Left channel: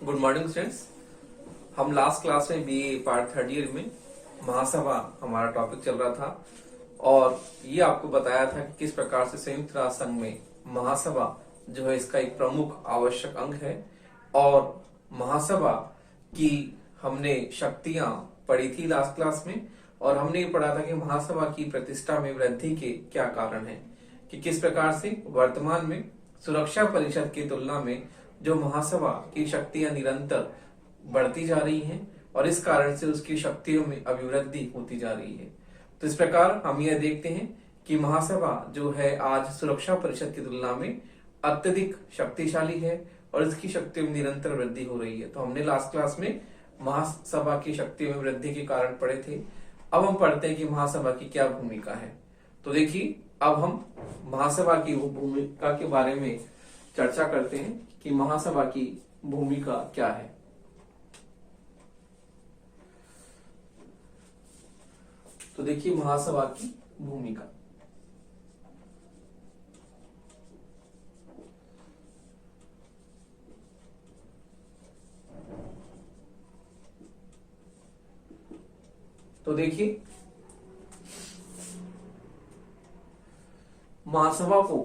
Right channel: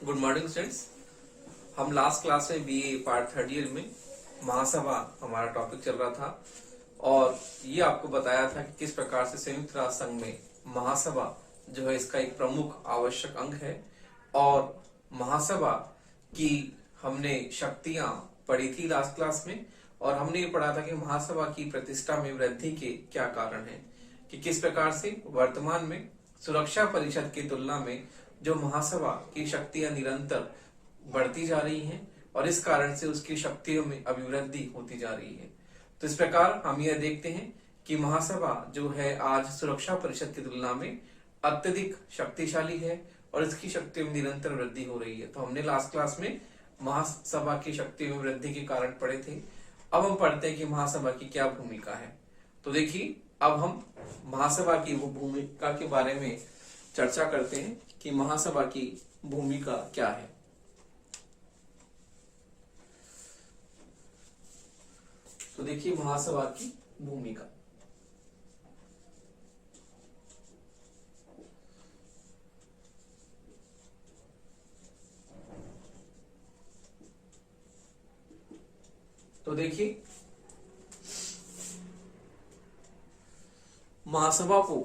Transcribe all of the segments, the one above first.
Good morning students. हम last class में BA part third year में महासभा हमारा टॉपिक चल रहा था और ये आपको बताया था कि किस प्रकार से संयुक्त राष्ट्र संघ में महासभा जो है इसका एक प्रमुख आवश्यक अंग है। और महासभा की हमने शक्तियां पढ़ी थी लास्ट क्लास में और हमने ये पढ़ा था कि महासभा की प्रतिष्ठा में वृद्धि के क्या कारण है, कि किस प्रकार से वर्तमान में सुरक्षा परिषद की तुलना में जो महासभा की शक्तियां निरंतर बढ़ती जा रही हैं और इस कारण से उसकी शक्तियों में अभिवृद्धि होती जा रही है। तो इस प्रकार हम यह देखते हैं कि महासभा जो है आज सुरक्षा परिषद की तुलना में अत्यधिक शक्तिशाली है और इसकी शक्तियों में निरंतर वृद्धि हो रही है। तो हमने लास्ट क्लास में महासभा की शक्तियों में वृद्धि के कारण पढ़े थे। अब हम पढ़ते हैं कि महासभा की क्या भूमिका है। तो देखिए, अब हम महासभा की भूमिका के बारे में चर्चा करते हैं कि महासभा की भूमिका क्या है। तो देखिए महासभा की भूमिका। तो देखिए महासभा को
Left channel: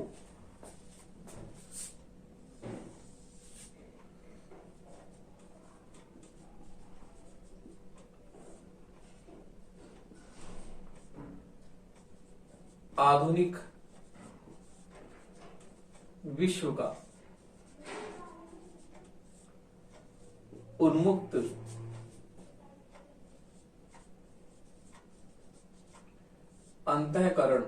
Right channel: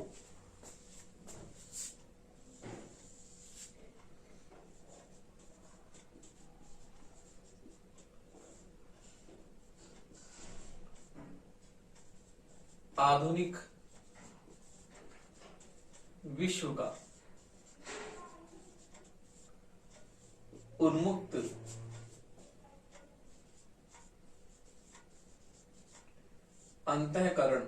आधुनिक विश्व का उन्मुक्त अंतःकरण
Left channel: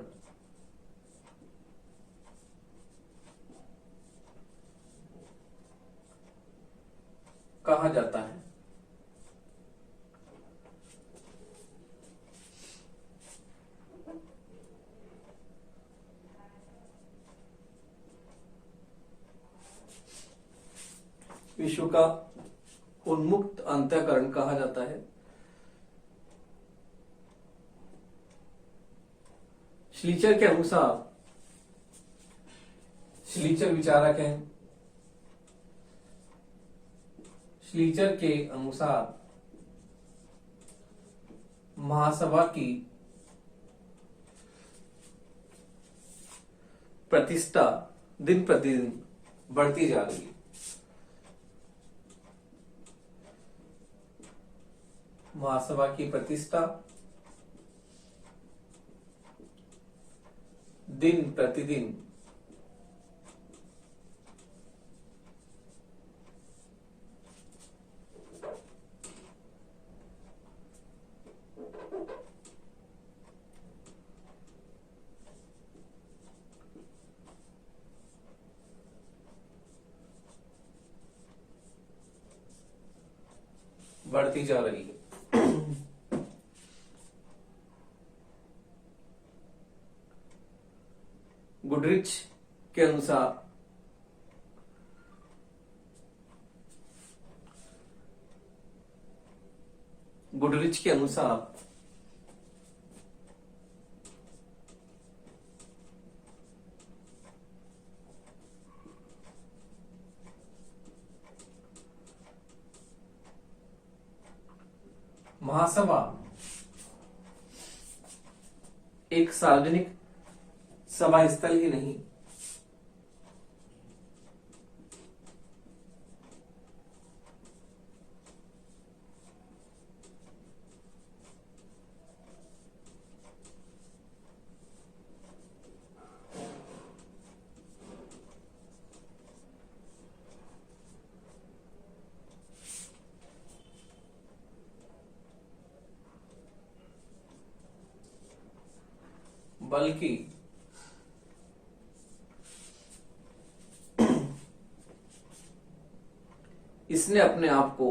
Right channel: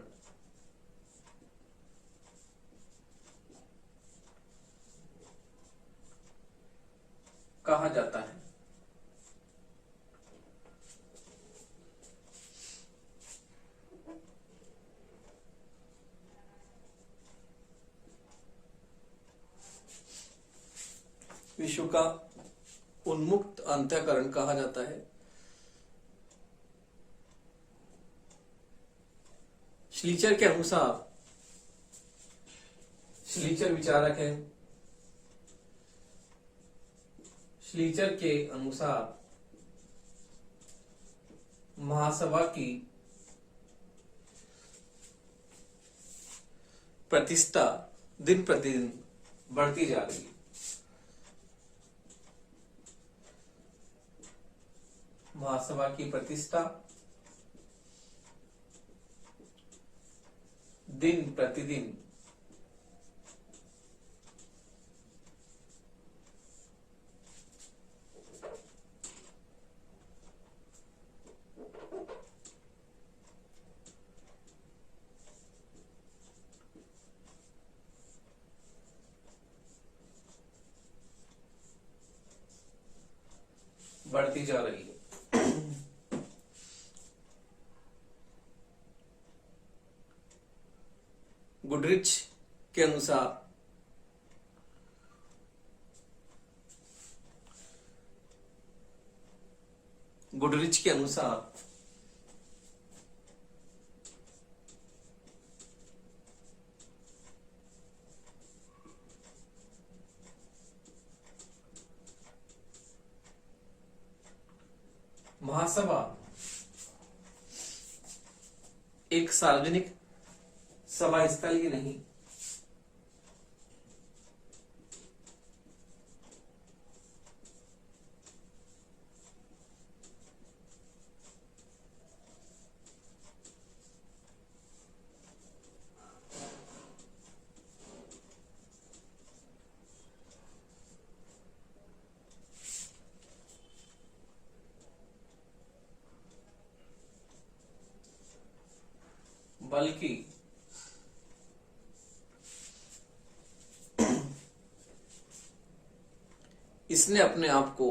कहा जाता है। विश्व का उन्मुक्त अंतःकरण कहा जाता है। श्लीचर के अनुसार, श्लीचर विचारक हैं, श्लीचर के अनुसार महासभा की प्रतिष्ठा दिन प्रतिदिन बढ़ती जा रही है। महासभा की प्रतिष्ठा दिन प्रतिदिन बढ़ती जा रही है। गुडरिच के अनुसार महासभा एक सार्वजनिक सभा स्थल ही नहीं, बल्कि इसने अपने आप को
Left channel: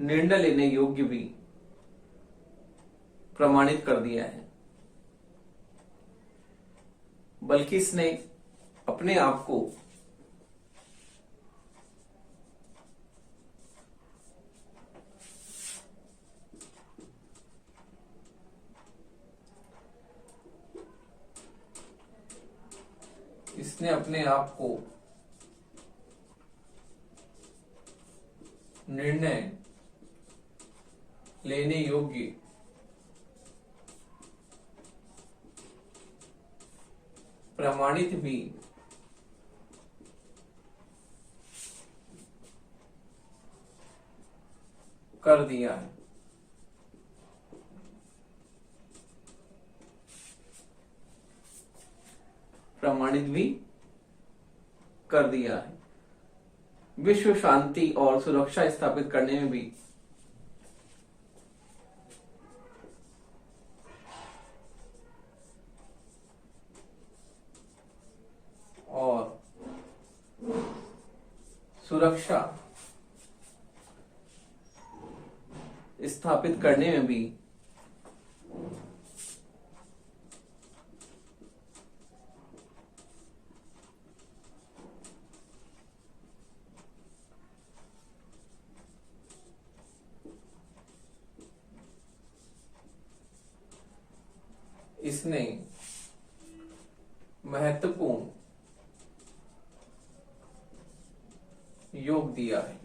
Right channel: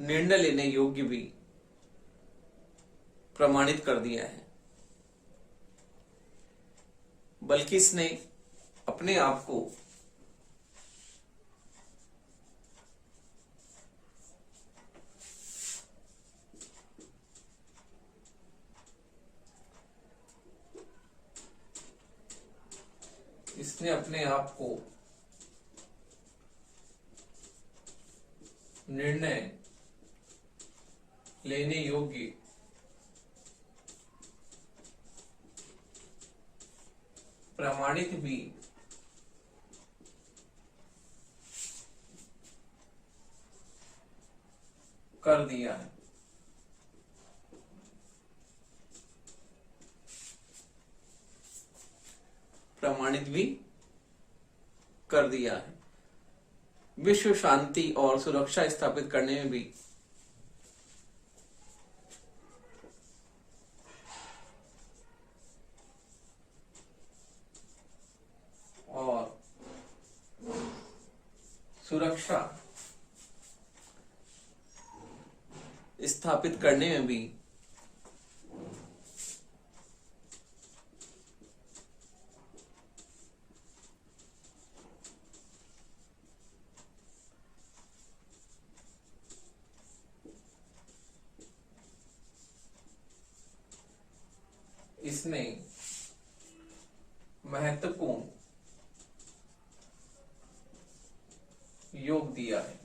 निर्णय लेने योग्य भी प्रमाणित कर दिया है। बल्कि इसने अपने आप को इसने अपने आप को निर्णय लेने योग्य प्रमाणित भी कर दिया है। प्रमाणित भी कर दिया है। विश्व शांति और सुरक्षा स्थापित करने में भी और सुरक्षा स्थापित करने में भी इसने महत्वपूर्ण योग दिया है।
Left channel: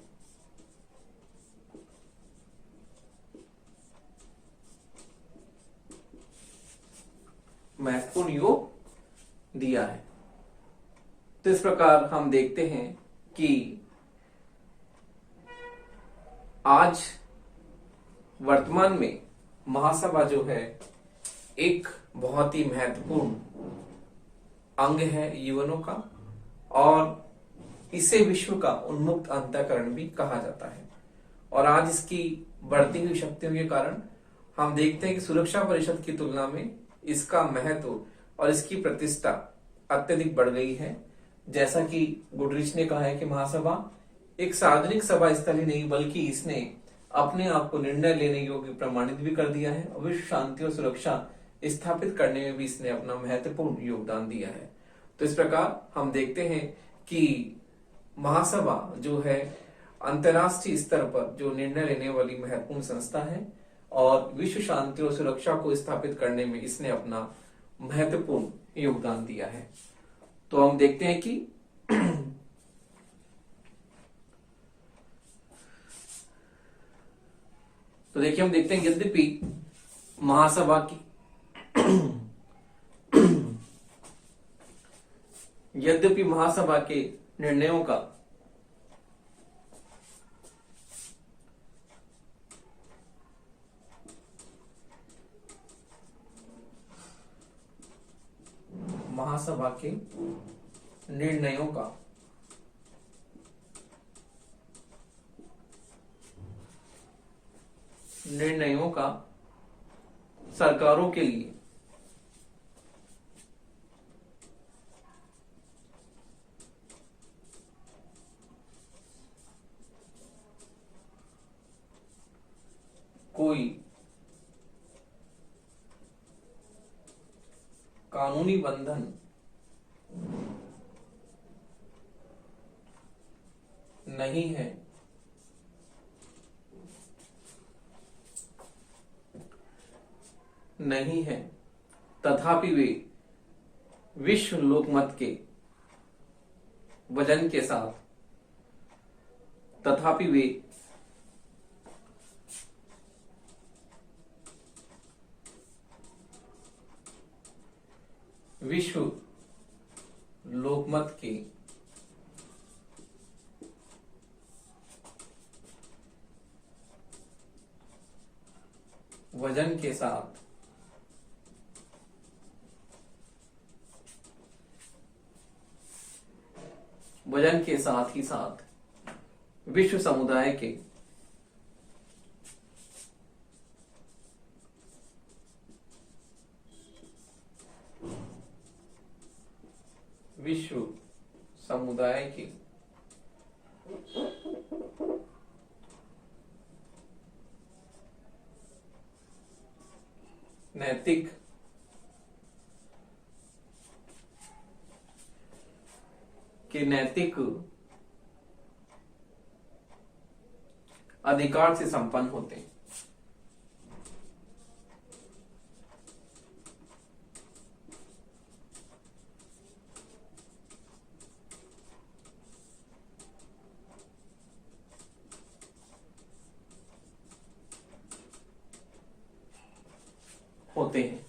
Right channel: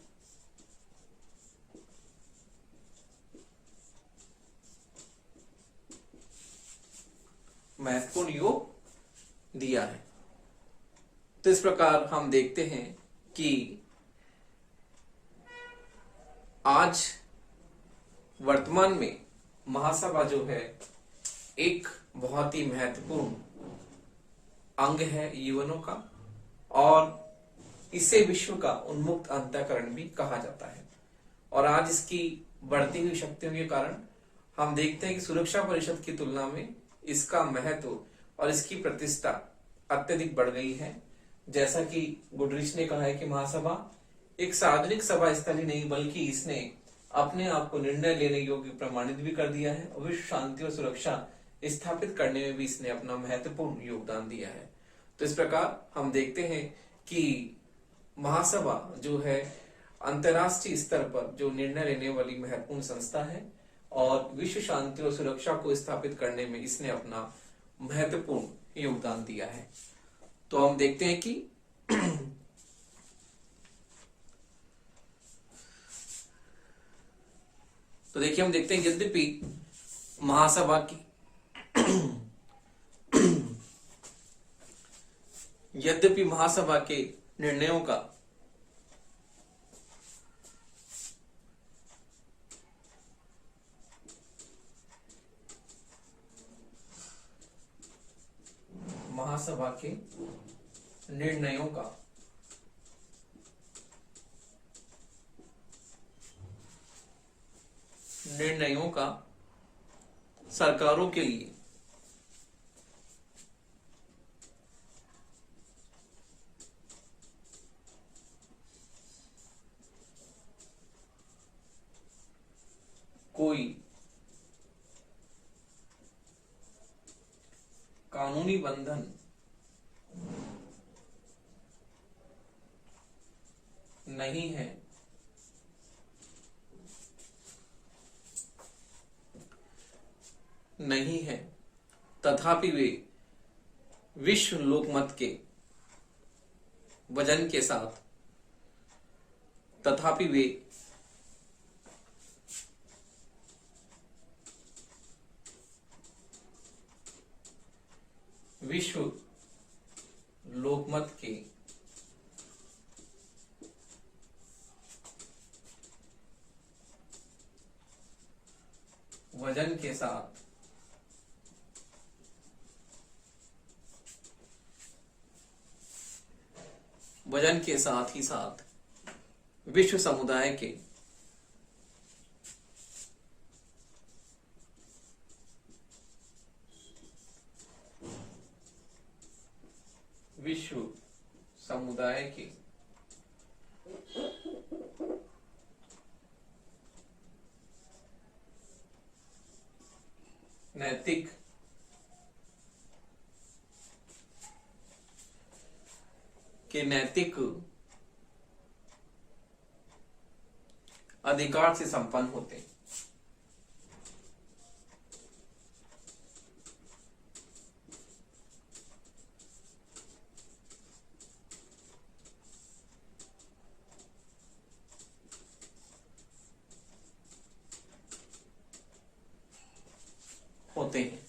महत्वपूर्ण योग दिया है। तो इस प्रकार हम देखते हैं कि आज वर्तमान में महासभा जो है एक बहुत ही महत्वपूर्ण अंग है जीवनों का, और इसे विश्व का उन्मुक्त अंतःकरण भी कहा जाता है। और आज इसकी बढ़ती हुई शक्तियों के कारण हम देखते हैं कि सुरक्षा परिषद की तुलना में इसका महत्व और इसकी प्रतिष्ठा अत्यधिक बढ़ गई है। जैसा कि गुडरिच ने कहा है कि महासभा एक सार्वजनिक सभा स्थल ही नहीं बल्कि इसने अपने आप को निर्णय लेने योग्य प्रमाणित भी कर दिया है, और विश्व शांति और सुरक्षा स्थापित करने में भी इसने अपना महत्वपूर्ण योगदान दिया है। तो इस प्रकार हम देखते हैं कि महासभा जो है अंतर्राष्ट्रीय स्तर पर जो निर्णय लेने वाली महत्वपूर्ण संस्था है, और विश्व शांति और सुरक्षा को स्थापित करने में इसने अपना महत्वपूर्ण योगदान दिया है। तो हम देखते हैं कि तो देखिए हम देखते हैं यद्यपि महासभा की यद्यपि महासभा के निर्णयों का महासभा के निर्णयों का सरकारों के लिए कोई कानूनी बंधन नहीं है, तथापि वे विश्व लोकमत के वजन के साथ विश्व लोकमत के वजन के साथ ही साथ विश्व समुदाय के नैतिक अधिकार से संपन्न होते हैं। होते हैं।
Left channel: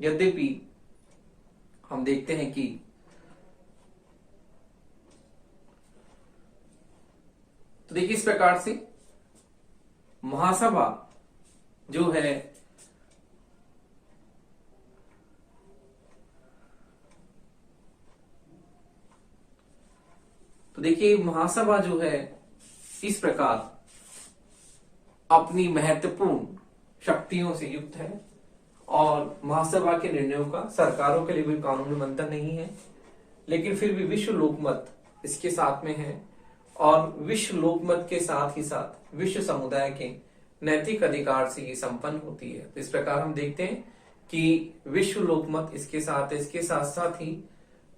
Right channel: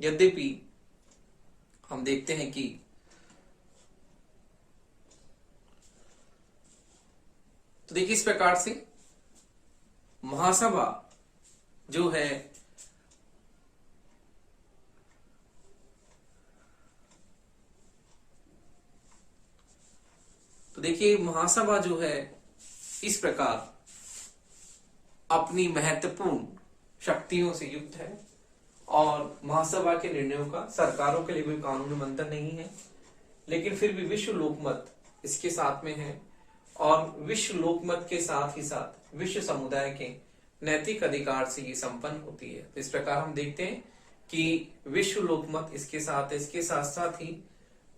यद्यपि हम देखते हैं कि तो देखिए इस प्रकार से महासभा जो है तो देखिए महासभा जो है इस प्रकार अपनी महत्वपूर्ण शक्तियों से युक्त है और महासभा के निर्णयों का सरकारों के लिए कोई कानूनी मंथन नहीं है, लेकिन फिर भी विश्व लोकमत इसके साथ में है और विश्व लोकमत के साथ ही साथ विश्व समुदाय के नैतिक अधिकार से ये संपन्न होती है। तो इस प्रकार हम देखते हैं कि विश्व लोकमत इसके साथ साथ ही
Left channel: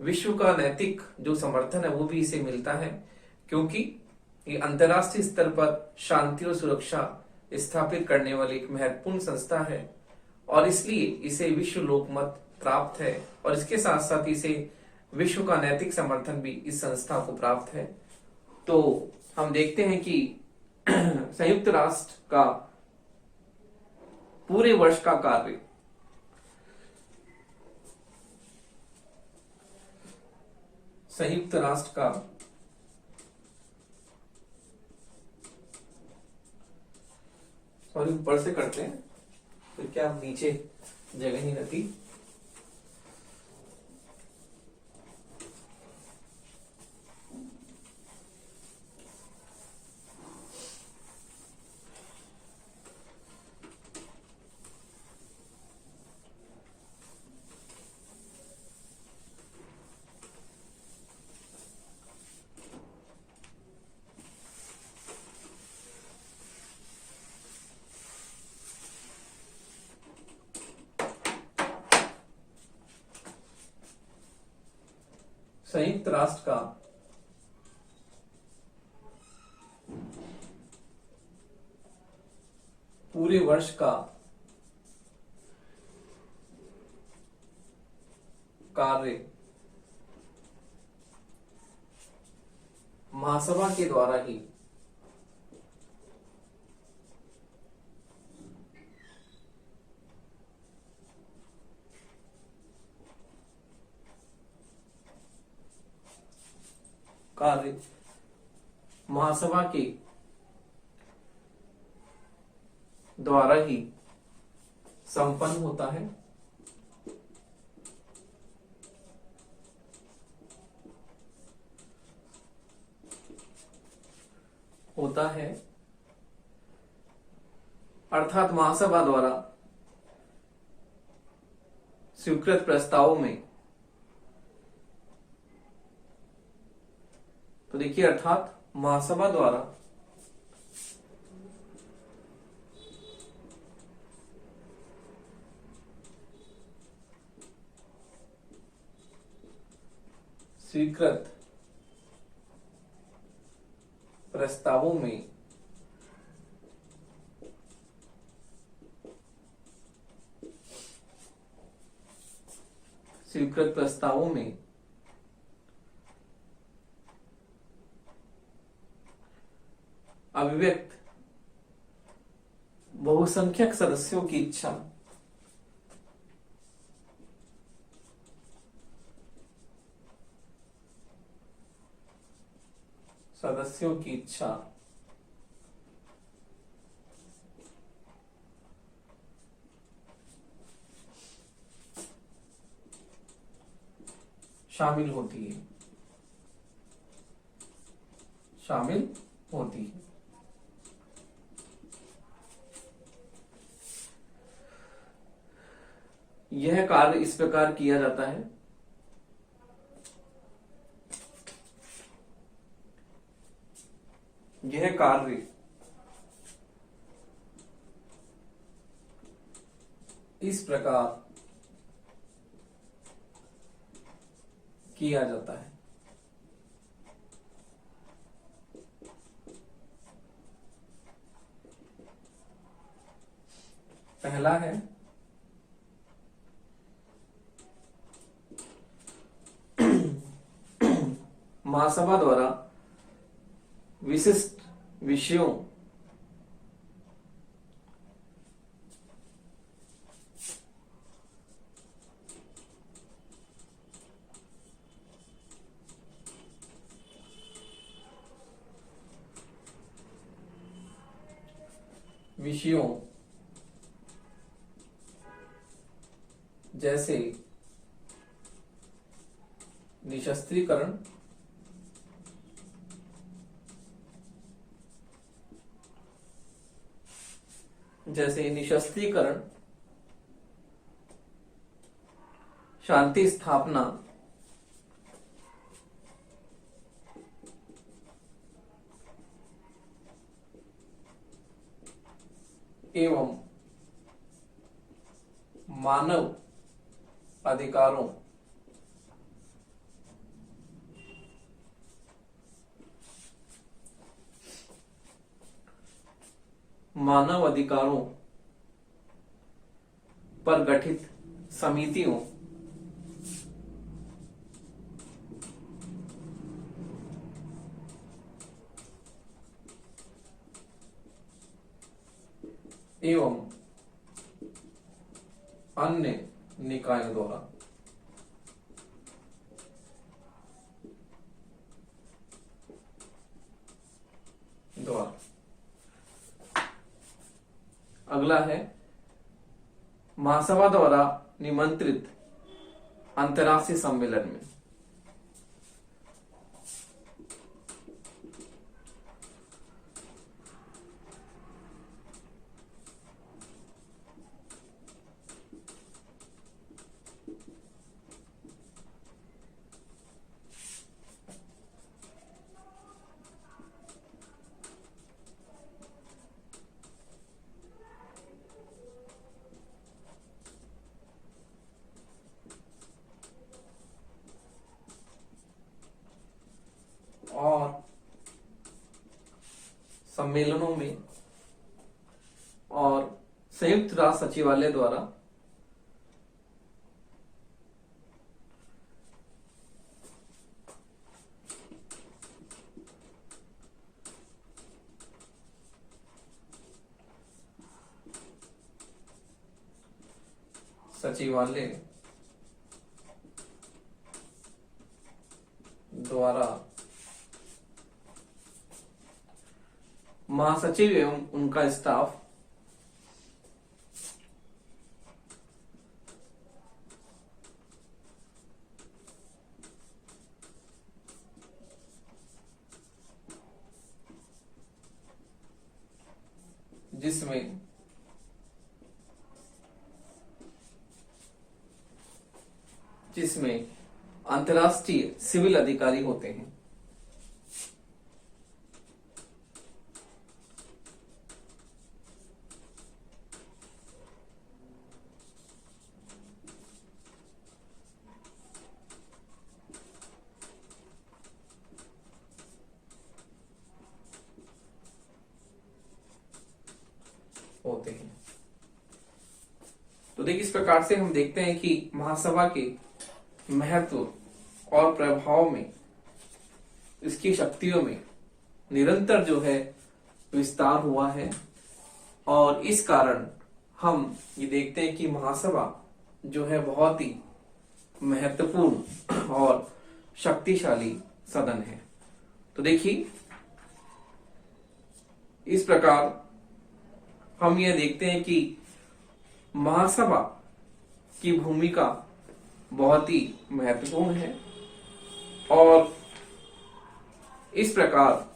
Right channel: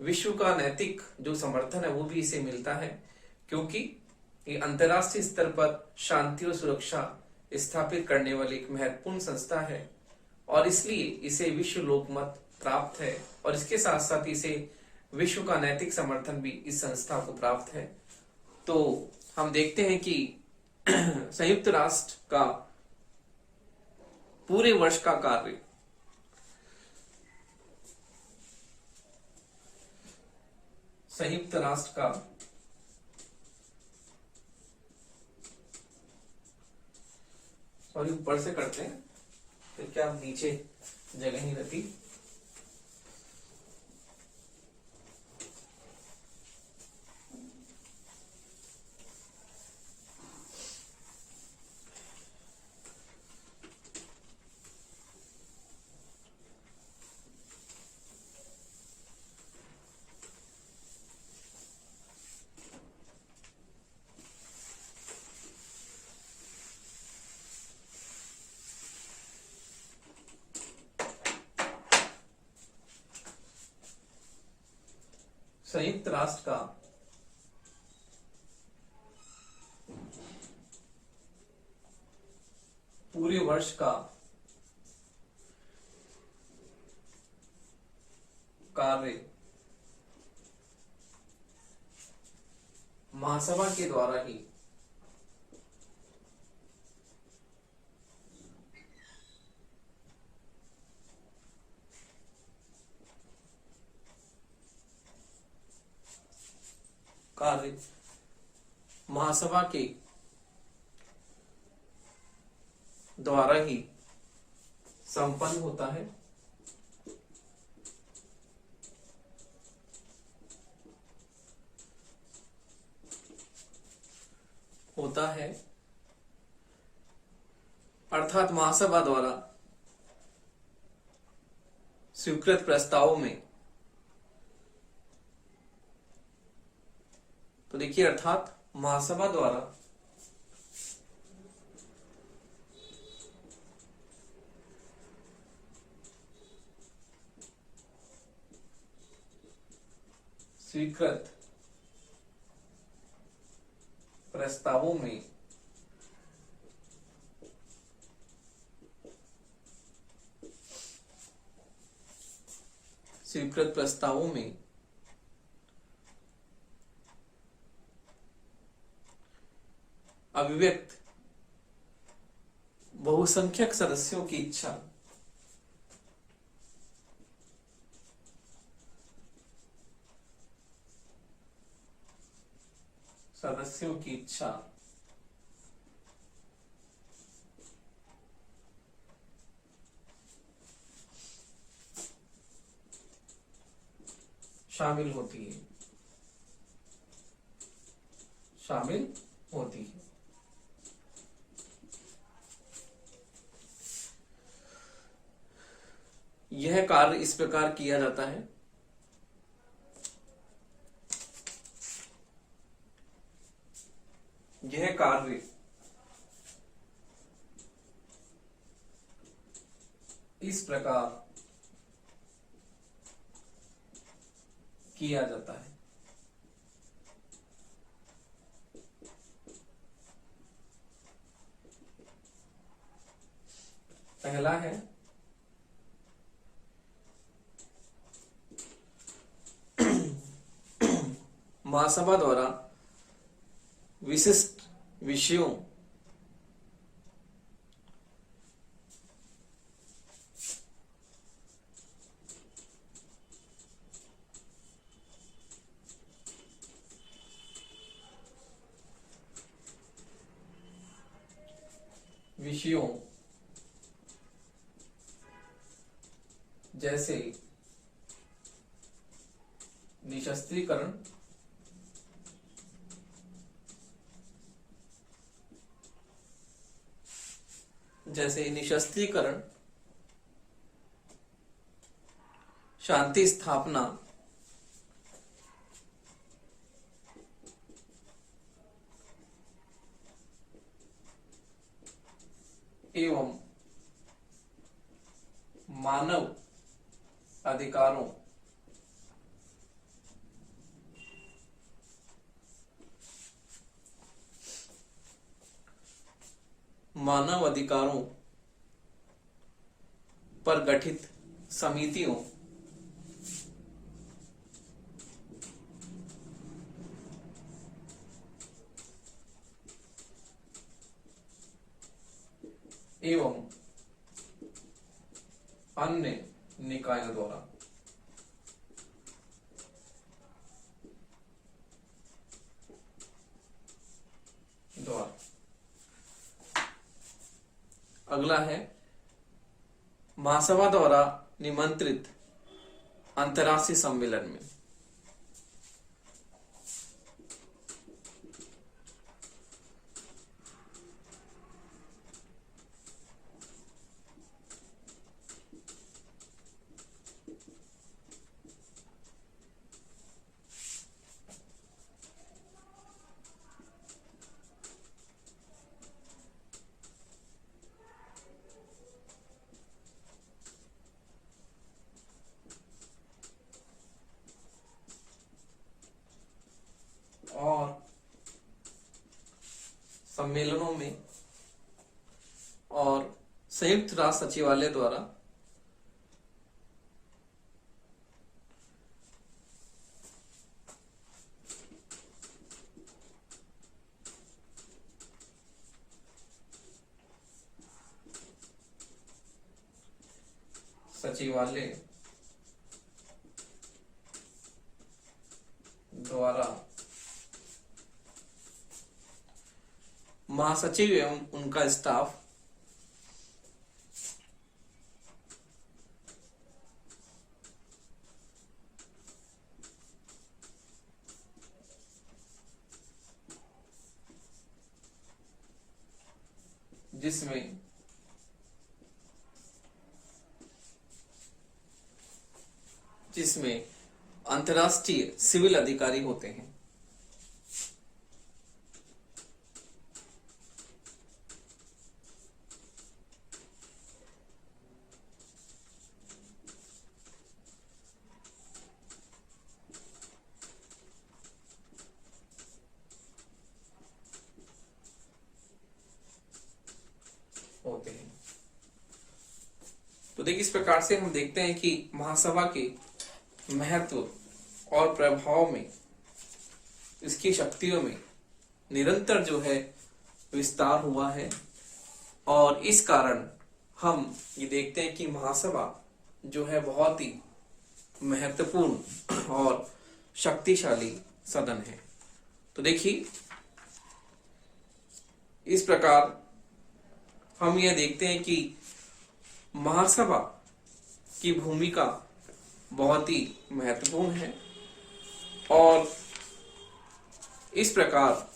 विश्व का नैतिक जो समर्थन है वो भी इसे मिलता है, क्योंकि ये अंतर्राष्ट्रीय स्तर पर शांति और सुरक्षा स्थापित करने वाली एक महत्वपूर्ण संस्था है और इसलिए इसे विश्व लोकमत प्राप्त है और इसके साथ साथ इसे विश्व का नैतिक समर्थन भी इस संस्था को प्राप्त है। तो हम देखते हैं कि संयुक्त राष्ट्र का पूरे वर्ष का कार्य संयुक्त राष्ट्र का ऊपर से करते हैं फिर क्या नीचे जगह नहीं रहती। संयुक्त राष्ट्र का पूरे वर्ष का कार्य महासभा के द्वारा ही कार्य महासभा के द्वारा ही संपन्न होता है। अर्थात महासभा द्वारा स्वीकृत प्रस्तावों में तो देखिए अर्थात महासभा द्वारा स्वीकृत प्रस्तावों में अभिव्यक्त बहुसंख्यक सदस्यों की इच्छा शामिल होती है। यह कार्य इस प्रकार किया जाता है यह कार्य इस प्रकार किया जाता है। पहला है महासभा द्वारा विशिष्ट विषयों विषयों जैसे निशस्त्रीकरण, शांति स्थापना एवं मानव अधिकारों पर गठित समितियों एवं अन्य निकायों द्वारा अगला है महासभा द्वारा निमंत्रित अंतर्राष्ट्रीय सम्मेलन में और सम्मेलनों में और संयुक्त राष्ट्र सचिवालय द्वारा महासचिव एवं उनका स्टाफ जिसमें अंतर्राष्ट्रीय सिविल अधिकारी होते हैं। तो देखिए इस प्रकार से हम देखते हैं कि महासभा के महत्व और प्रभाव में, इसकी शक्तियों में निरंतर जो है विस्तार हुआ है और इस कारण हम ये देखते हैं कि महासभा जो है बहुत ही महत्वपूर्ण और शक्तिशाली सदन है। तो देखिए इस प्रकार हम यह देखते हैं कि महासभा की भूमिका बहुत ही महत्वपूर्ण है और इस प्रकार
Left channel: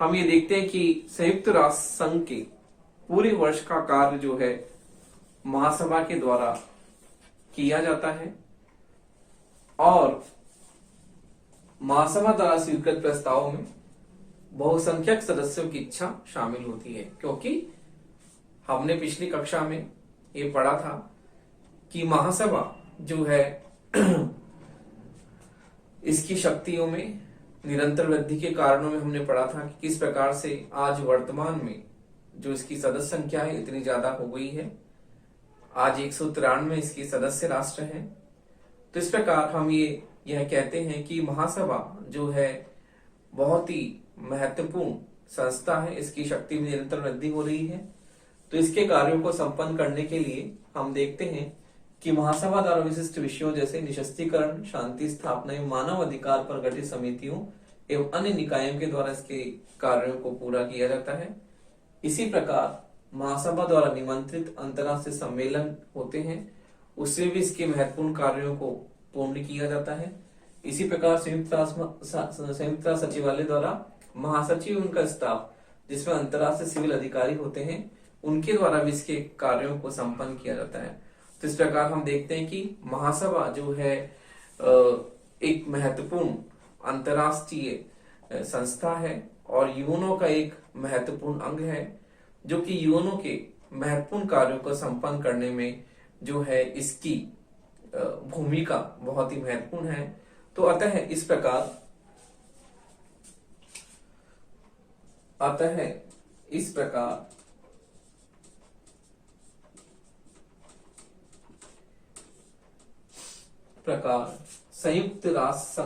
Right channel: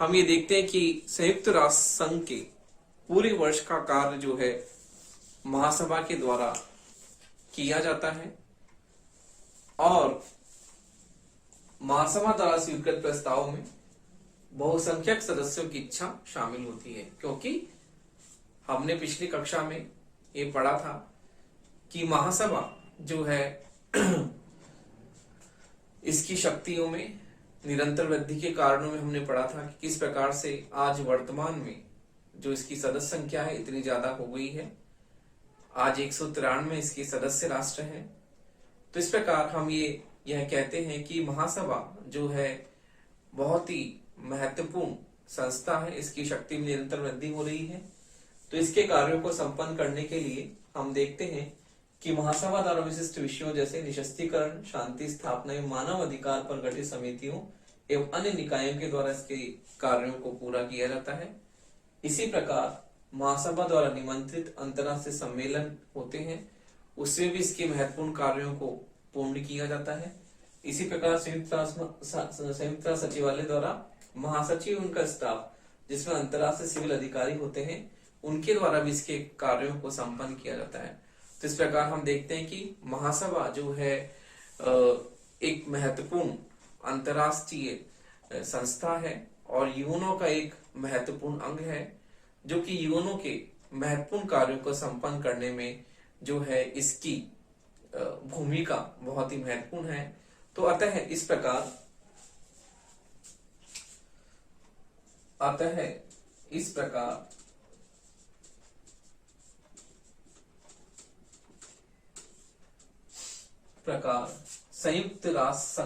हम ये देखते हैं कि संयुक्त राष्ट्र संघ के पूरे वर्ष का कार्य जो है महासभा के द्वारा किया जाता है और महासभा द्वारा स्वीकृत प्रस्तावों में बहुसंख्यक सदस्यों की इच्छा शामिल होती है, क्योंकि हमने पिछली कक्षा में ये पढ़ा था कि महासभा जो है इसकी शक्तियों में निरंतर वृद्धि के कारणों में हमने पढ़ा था कि किस प्रकार से आज वर्तमान में जो इसकी सदस्य संख्या है इतनी ज्यादा हो गई है। आज 193 इसके सदस्य राष्ट्र हैं। तो इस प्रकार हम यह कहते हैं कि महासभा जो है बहुत ही महत्वपूर्ण संस्था है, इसकी शक्ति में निरंतर वृद्धि हो रही है। तो इसके कार्यों को संपन्न करने के लिए हम देखते हैं कि महासभा द्वारा विशिष्ट विषयों जैसे निशस्त्रीकरण, शांति स्थापना एवं मानव अधिकार पर गठित समितियों एवं अन्य निकायों के द्वारा इसके कार्यों को पूरा किया जाता है। इसी प्रकार महासभा द्वारा निमंत्रित अंतर्राष्ट्रीय सम्मेलन होते हैं, उससे भी इसके महत्वपूर्ण कार्यों को पूर्ण किया जाता है। इसी प्रकार संयुक्त राष्ट्र सचिवालय द्वारा महासचिव, उनका स्टाफ जिसमें अंतर्राष्ट्रीय सिविल अधिकारी होते हैं, उनके द्वारा भी इसके कार्यों को संपन्न किया जाता है। तो इस प्रकार हम देखते हैं कि महासभा जो है एक महत्वपूर्ण अंतर्राष्ट्रीय संस्था है और यूएनओ का एक महत्वपूर्ण अंग है, जो कि यूएनओ के महत्वपूर्ण कार्यों को संपन्न करने में जो है इसकी भूमिका बहुत ही महत्वपूर्ण है। तो अतः इस प्रकार संयुक्त राष्ट्र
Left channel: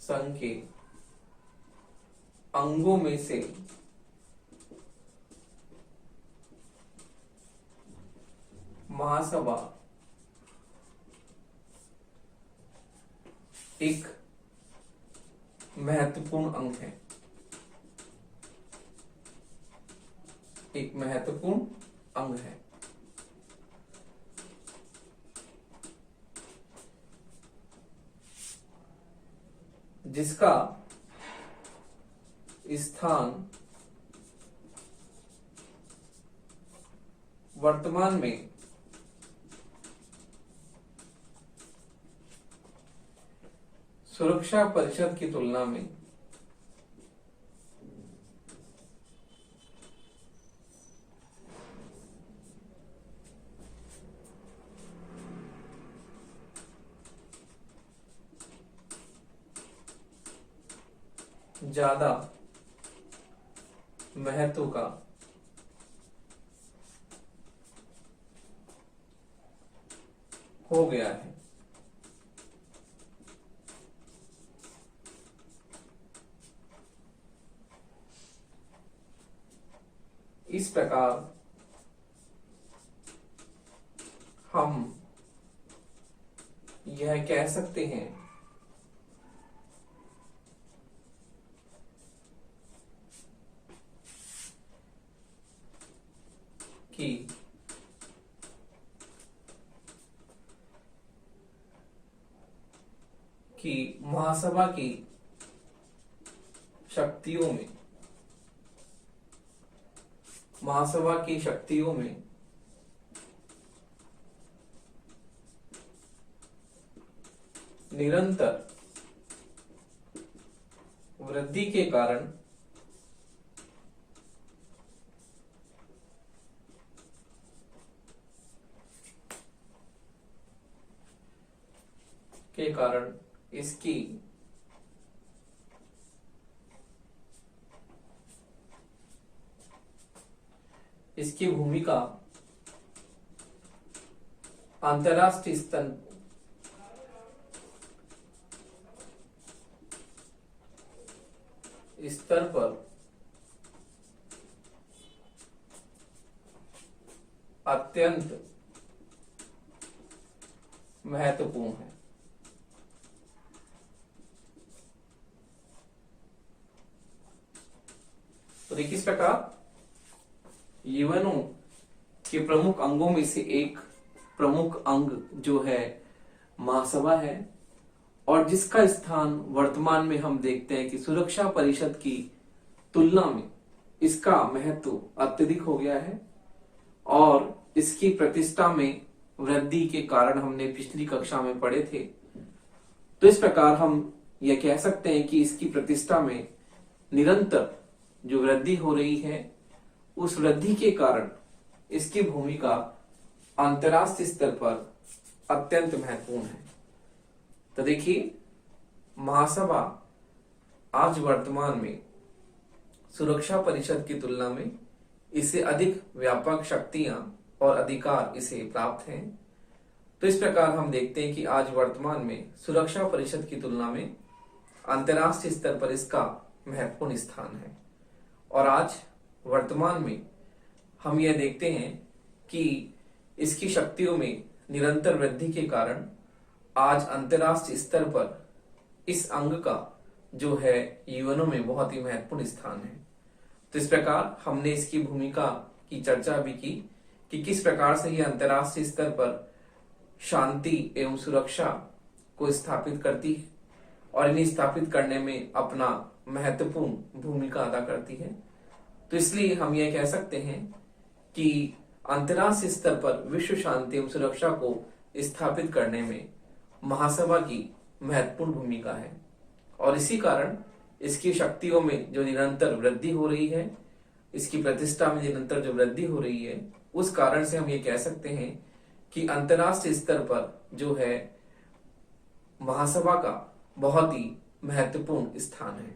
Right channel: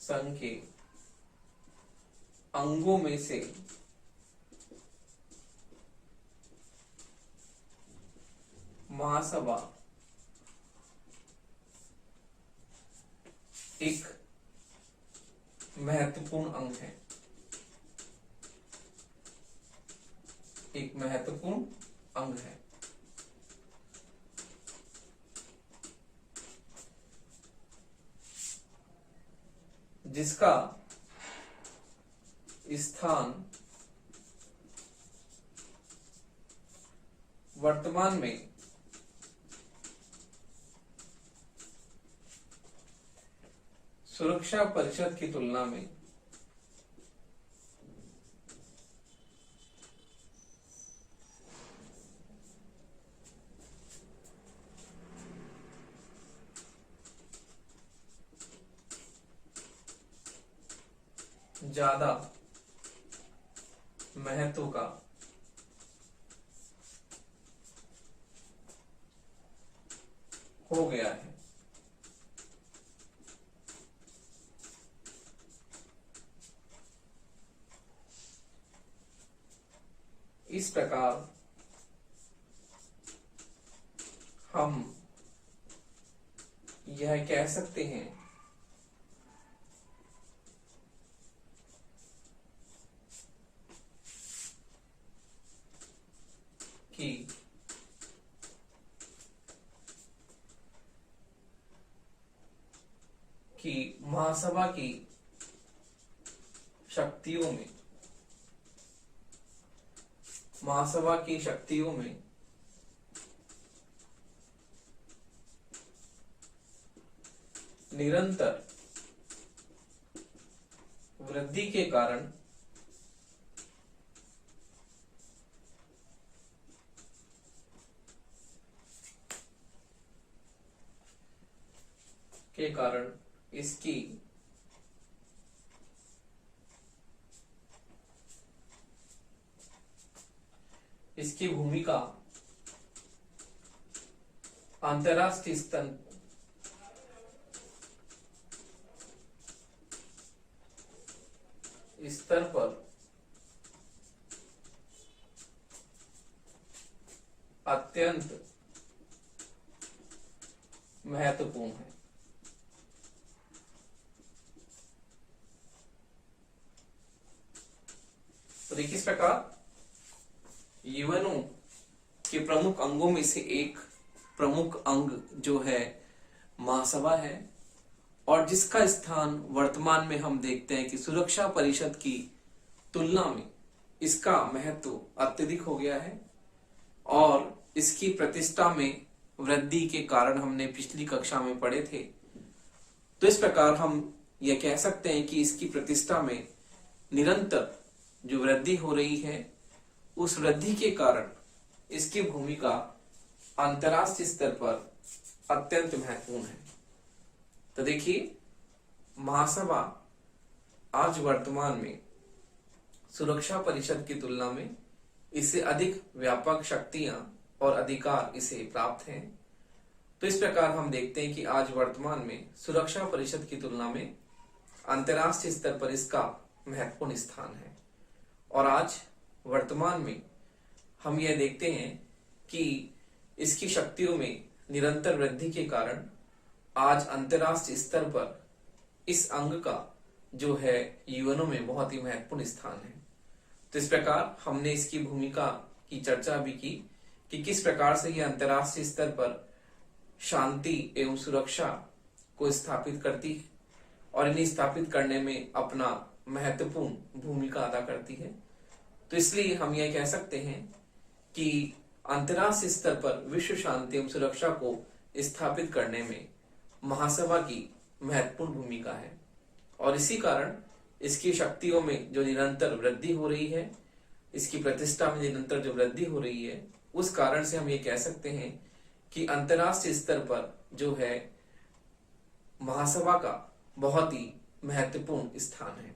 संघ के अंगों में से महासभा एक महत्वपूर्ण अंग है, जिसका स्थान वर्तमान में सुरक्षा परिषद की तुलना में ज्यादा महत्व का हो गया है। इस प्रकार हम यह कह सकते हैं कि महासभा की शक्तियों में निरंतर वृद्धि के कारण इसकी भूमिका अंतर्राष्ट्रीय स्तर पर अत्यंत महत्वपूर्ण है। तो देखिए, इस प्रकार यूएनओ के प्रमुख अंगों में से एक प्रमुख अंग जो है महासभा है, और जिसका स्थान वर्तमान में हम देखते हैं कि सुरक्षा परिषद की तुलना में इसका महत्व अत्यधिक हो गया है और इसकी प्रतिष्ठा में वृद्धि के कारण हमने पिछली कक्षा में पढ़े थे। तो इस प्रकार हम यह कह सकते हैं कि इसकी प्रतिष्ठा में निरंतर जो वृद्धि हो रही है, उस वृद्धि के कारण इसकी भूमिका अंतर्राष्ट्रीय स्तर पर अत्यंत महत्वपूर्ण है। तो देखिए, महासभा आज वर्तमान में सुरक्षा परिषद की तुलना में इससे अधिक व्यापक शक्तियां और अधिकार इसे प्राप्त हैं। तो इस प्रकार हम देखते हैं कि आज वर्तमान में सुरक्षा परिषद की तुलना में अंतर्राष्ट्रीय स्तर पर इसका महत्वपूर्ण स्थान है। और आज वर्तमान में हम यह देखते हैं कि इसकी शक्तियों में निरंतर वृद्धि के कारण आज अंतर्राष्ट्रीय स्तर पर इस अंग का जो है यूएनओ में बहुत ही महत्वपूर्ण स्थान है। तो इस प्रकार हमने इसकी भूमिका की चर्चा भी की कि किस प्रकार से यह अंतर्राष्ट्रीय स्तर पर शांति एवं सुरक्षा को स्थापित करती है और इन्हें स्थापित करने में अपना महत्वपूर्ण भूमिका अदा करती है। तो इसलिए हम यह कह सकते हैं कि अंतर्राष्ट्रीय स्तर पर विश्व शांति एवं सुरक्षा को स्थापित करने में महासभा की महत्वपूर्ण भूमिका है और इसी कारण इसकी शक्तियों में जो निरंतर वृद्धि हो रही है, इसकी प्रतिष्ठा में निरंतर जो वृद्धि हो रही है, उस कारण से हम ये कह सकते हैं कि अंतर्राष्ट्रीय स्तर पर जो है महासभा का बहुत ही महत्वपूर्ण स्थान है।